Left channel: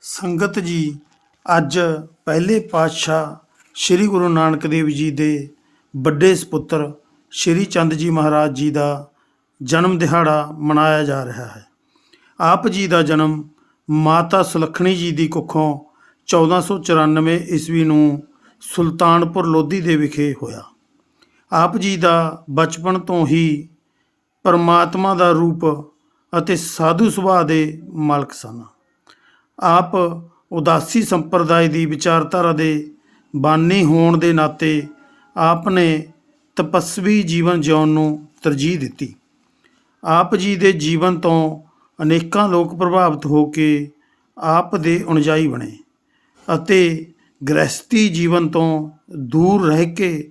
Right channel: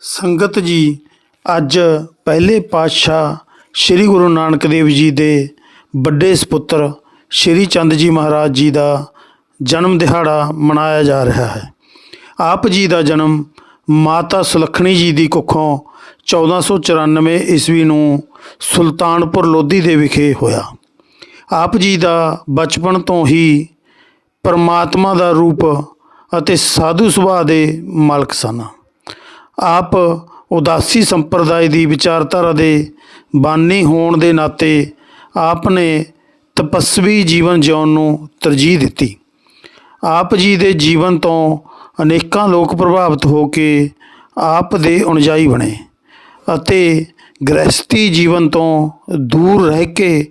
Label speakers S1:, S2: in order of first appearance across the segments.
S1: ਸੰਗਤ ਜੀ, ਅੱਜ ਪਹਿਲੇ ਪਾਤਸ਼ਾਹ ਸ੍ਰੀ ਗੁਰੂ ਨਾਨਕ ਦੇਵ ਜੀ ਦੇ ਵੱਡੇ ਸੁਪੁੱਤਰ ਸ੍ਰੀ ਚੰਦ ਜੀ ਮਹਾਰਾਜ ਜੀ ਦਾ ਜਨਮ ਦਿਹਾੜਾ ਮਨਾਇਆ ਜਾ ਰਿਹਾ ਹੈ। ਆਪ ਜੀ ਦਾ ਜਨਮ ਮਾਤਾ ਸੁਲੱਖਣੀ ਜੀ ਦੀ ਕੁੱਖੋਂ 1494 ਈਸਵੀ ਨੂੰ ਸੁਲਤਾਨਪੁਰ ਲੋਧੀ ਦੇ ਵਿਖੇ ਹੋਇਆ। ਆਪ ਜੀ ਦਾ ਬਚਪਨ ਤੋਂ ਹੀ ਪਰਮਾਤਮਾ ਦਾ ਰੂਪ ਅਤੇ ਸਾਧੂ ਸੁਭਾਅ ਦੇ ਮਾਲਕ ਸਨ। ਆਪ ਉਦਾਸੀ ਸੰਪਰਦਾਇ ਦੀ ਵਿਚਾਰਧਾਰਾ ਦੇ ਬਾਨੀ ਹੋਣ ਦੇ ਨਾਤੇ ਆਪ ਨੇ ਤਪਸਵੀ ਜੀਵਨ ਜਿਉਣ ਨੂੰ ਤਰਜੀਹ ਦਿੱਤੀ। ਆਪ ਜੀ ਦੇ ਜੀਵਨ ਤੋਂ ਅਨੇਕਾਂ ਲੋਕ ਪ੍ਰਭਾਵਿਤ ਹੋ ਕੇ ਆਪ ਦੇ ਅਨੁਜਾਈ ਬਣੇ ਅਤੇ ਗ੍ਰਹਸਥੀ ਜੀਵਨ ਤੋਂ ਦੂਰ ਰਹਿ ਕੇ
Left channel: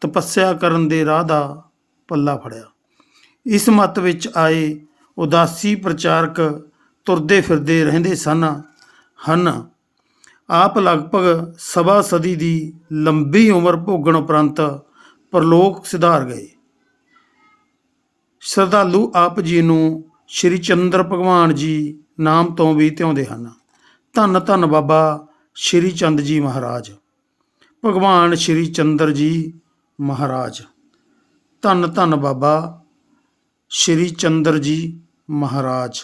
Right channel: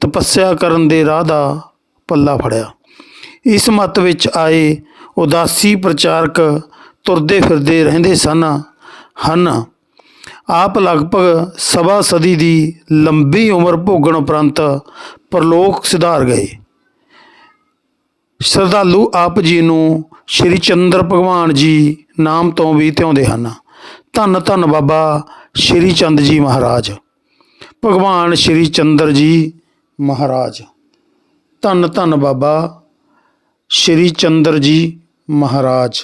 S1: ਤਪੱਸਿਆ ਕਰਨ ਦੇ ਰਾਹ ਦਾ ਪੱਲਾ ਫੜਿਆ। ਇਸ ਮਤ ਵਿੱਚ ਆਏ ਉਦਾਸੀ ਪ੍ਰਚਾਰਕ ਤੁਰਦੇ ਫਿਰਦੇ ਰਹਿੰਦੇ ਸਨ, ਹਨ। ਆਪ ਲਗਭਗ ਸਵਾ ਸਦੀ ਦੀ ਲੰਬੀ ਉਮਰ ਭੋਗਣ ਉਪਰੰਤ ਪਰਲੋਕ ਸਿਧਾਰ ਗਏ। ਸ਼ਰਧਾਲੂ ਆਪ ਜੀ ਨੂੰ ਸ਼੍ਰੀ ਚੰਦਰ ਭਗਵਾਨ ਜੀ ਨਾਮ ਤੋਂ ਵੀ ਧਿਆਉਂਦੇ ਹਨ। ਧੰਨ ਧੰਨ ਬਾਬਾ ਸ਼੍ਰੀ ਚੰਦ ਜੀ ਮਹਾਰਾਜ। ਭਗਵਾਨ ਸ਼੍ਰੀ ਚੰਦਰ ਜੀ ਮਹਾਰਾਜ। ਧੰਨ ਧੰਨ ਬਾਬਾ ਸ਼੍ਰੀ ਚੰਦਰ ਜੀ ਮਹਾਰਾਜ।